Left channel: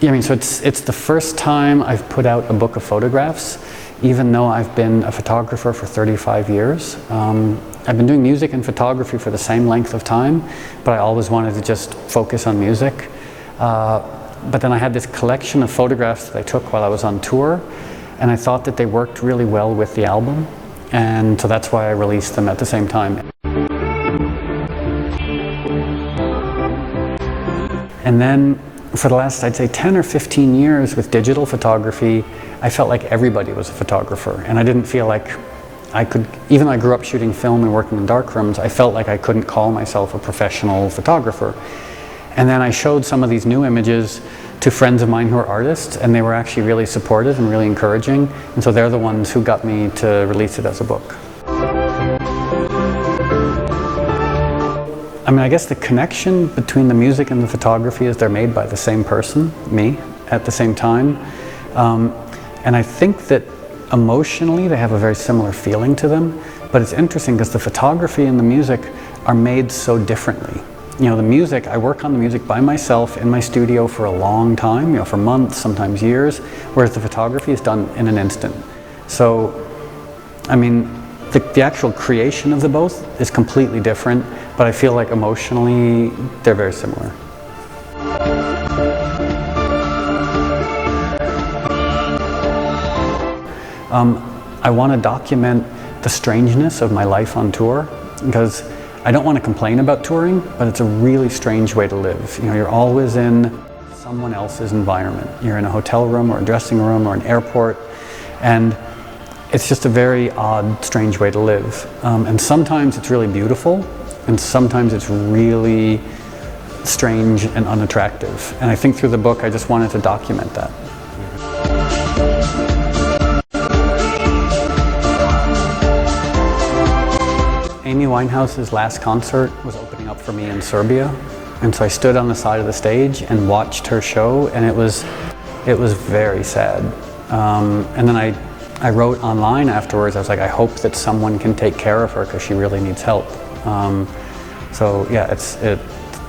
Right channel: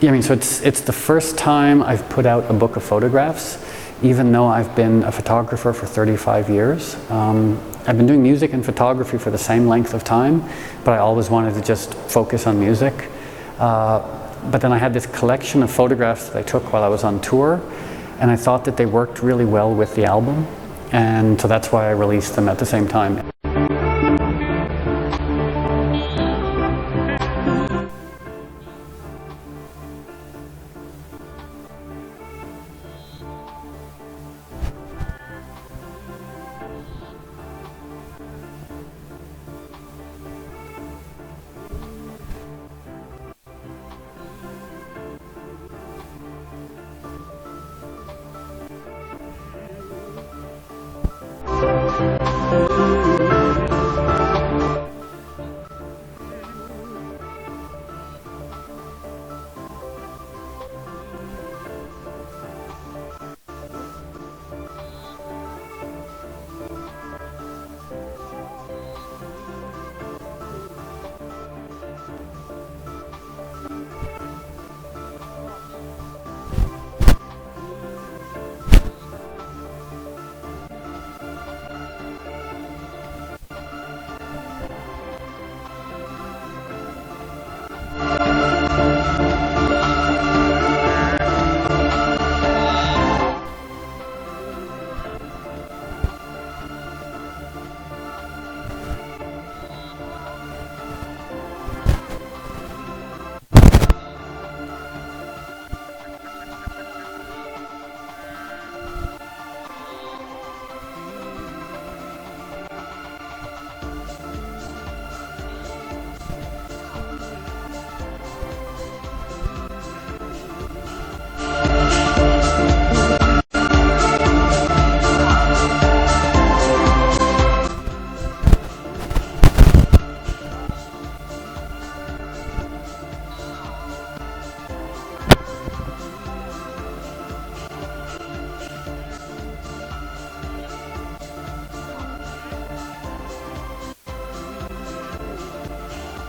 Yeah, I mean, so it's the first time I've put out a book of photographs, even though I've been a photographer for 35 years. I've been doing music and photography for the same length of time, but I always wanted to just focus on music. But then I had this collection of photographs that I took while I was on tour, and I thought that they worked really well with the album, and so that's why I released them at the same time. And then for the last, I'd say 10 or 15 years with digital photography, I felt like everybody was a photographer, and I didn't feel like I could, even though I grew up shooting film and working in darkrooms, I felt like I couldn't call myself a professional photographer. And then I showed some of these new images to friends of mine who are artists, and they were actually really supportive and really encouraging, and so they're the ones who got me to release it as a book. I mean, I guess the connection between the music and the photography is they're made by the same person, me, at the same time. And I think that emotionally they have a very similar feeling to them, but it's interesting because the photography and the music are made so differently. You know, the music, I work on the music by myself in my studio for a long time, you know, for months, sometimes years, whereas the photography is done in an instant. So, I mean, the actual creation of the both is completely different, but I feel like emotionally they're very similar. I want to document the strangeness of my life on tour, because I don't want to complain about touring, but it's a really strange way to live. You know, you're always in someone else's environment. You're in a hotel room or a dressing room or an airport, and it's just a very odd, strange way to live. And sometimes it's really beautiful, and sometimes it's really strange and unattractive. And I think through the book I just wanted to document that. Winehouse's last concert was coming up for me in Serbia, and so I stood on the side of the stage and watched her show, and it was very sad. And then I wrote online afterwards. I was like, I hope that someone can take care of her because she really needs help. So yeah, it's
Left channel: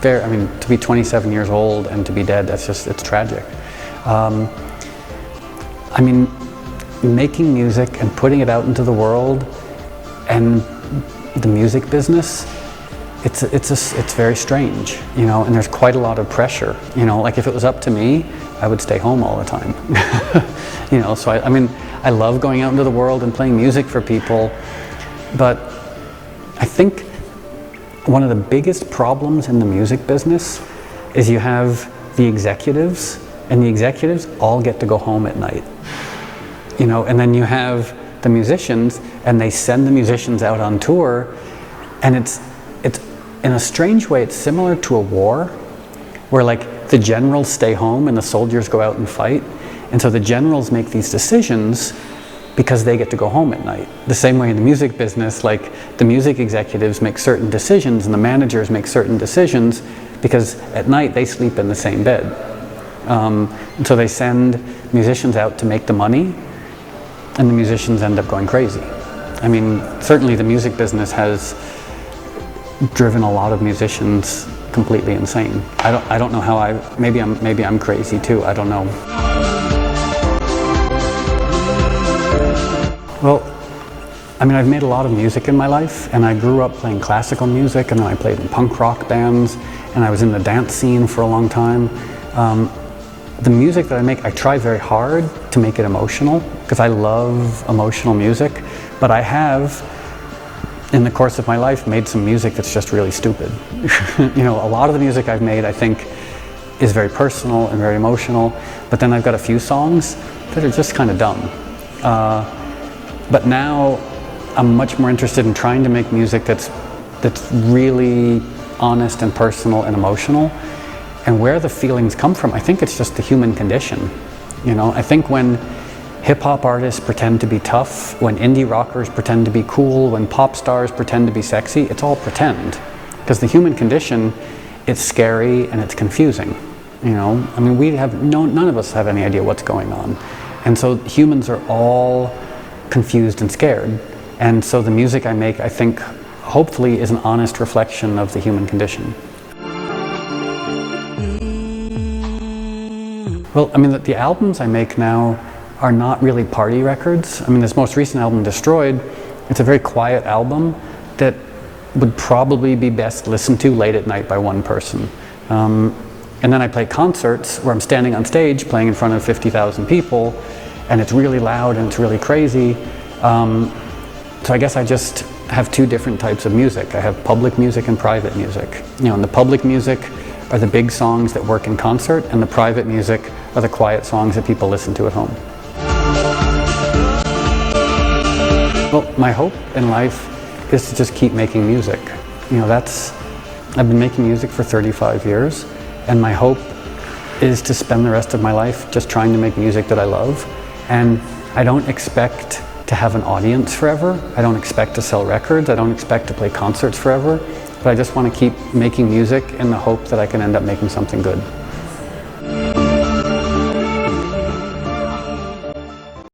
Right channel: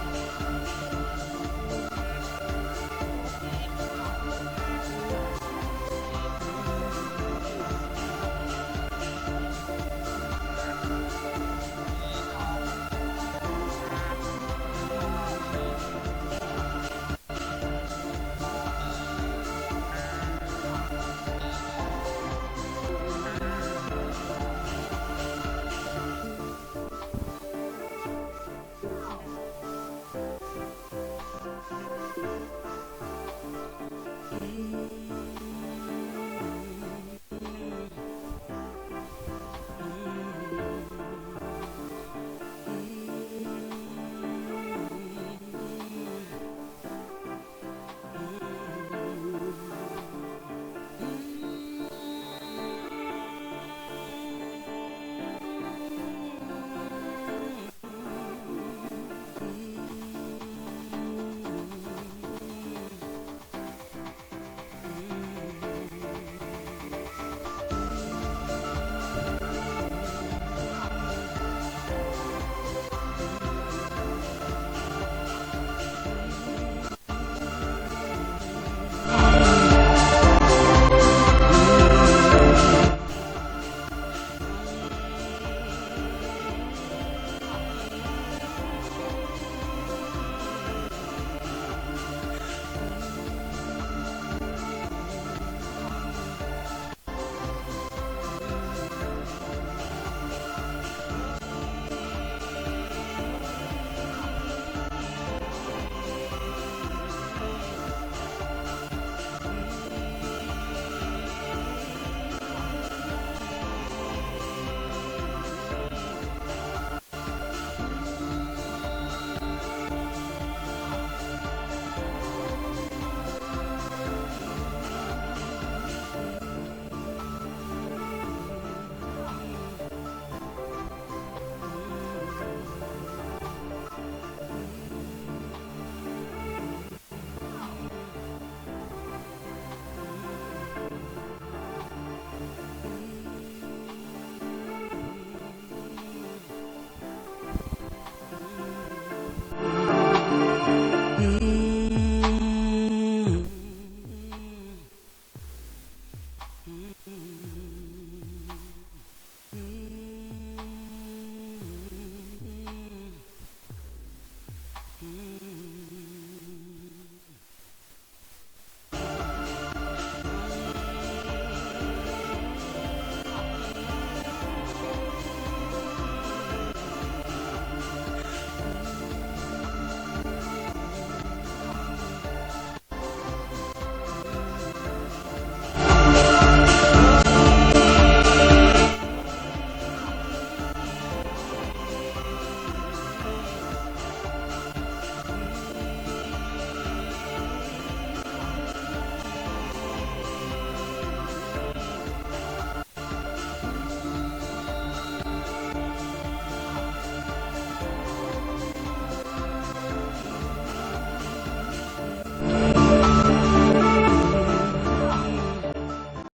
very. I mean, to be 27 years old and to be dead, it's tragic. I mean, making music and putting it out into the world, and the music business, it's very strange, you know, and there's quite a lot of pressure, you know, like if it was up to me, I would stay home all the time. You know, so I mean, I love going out into the world and playing music for people, but I think one of the biggest problems in the music business is you have the executives, and the executives all get to go home at night, you know, and then you have the musicians, and they send the musicians out on tour, and it's in a strange way it's similar to a war, where like the generals stay home and the soldiers go out and fight, and so the generals make these decisions because they get to go home at night. The same way in the music business, like the music executives make certain decisions and the managers make certain decisions because at night they sleep in the same bed. And so they send musicians out to make the money, and the musicians end up going crazy. I mean, certainly the music business has driven a lot of musicians completely insane. I don't know how maybe I'm crazy too, I don't know. Well, I mean, I've made a lot of music in my life, and I grew up playing classical music, and then I played in punk rock bands, and I was in the dance scene for a long time. The music that I make, I try very hard to make it emotional, because I love emotional music, but I have, in the course of my life, made some music that's just really stupid. You know, a lot of the music I've made, I think, is very personal and very emotional, but then I've got a few songs that are just kind of dumb. But now I'm much more interested in trying to make music that's really honest and personal and emotional. And where the feelings come from, I think it's just the human condition. You know, I think when hip-hop artists pretend to be tough, when indie rockers pretend to be cool, when pop stars pretend to be sexy, it's all pretend. Because the human condition, it's scary and it's confusing. You know, I mean, none of us have any idea what's going on. And so humans are all confused and scared. And so the music I make, I think, hopefully is an honest reflection of the human condition. Well, I mean, the albums I make now are not really party records. I mean, this most recent album, Destroyed, it's a very quiet album that would probably be best listened to late at night by one person. And then I play concerts where I'm standing on stage playing in front of 50,000 people, and it's really loud and it's really crazy. So I guess I just have two different types of music. I have public music and private music. You know, and the public music are the big songs that work in concert, and the private music are the quiet songs that people listen to at home. Well, my hope in life is to just keep making music. You know, I've been making music for 35 years, and my hope is to spend the rest of my life just trying to make music that I love. And I don't expect to have an audience forever. I don't expect to sell records. I don't expect to play concerts forever. But I just want to keep making music in the hope that I can end up making something good.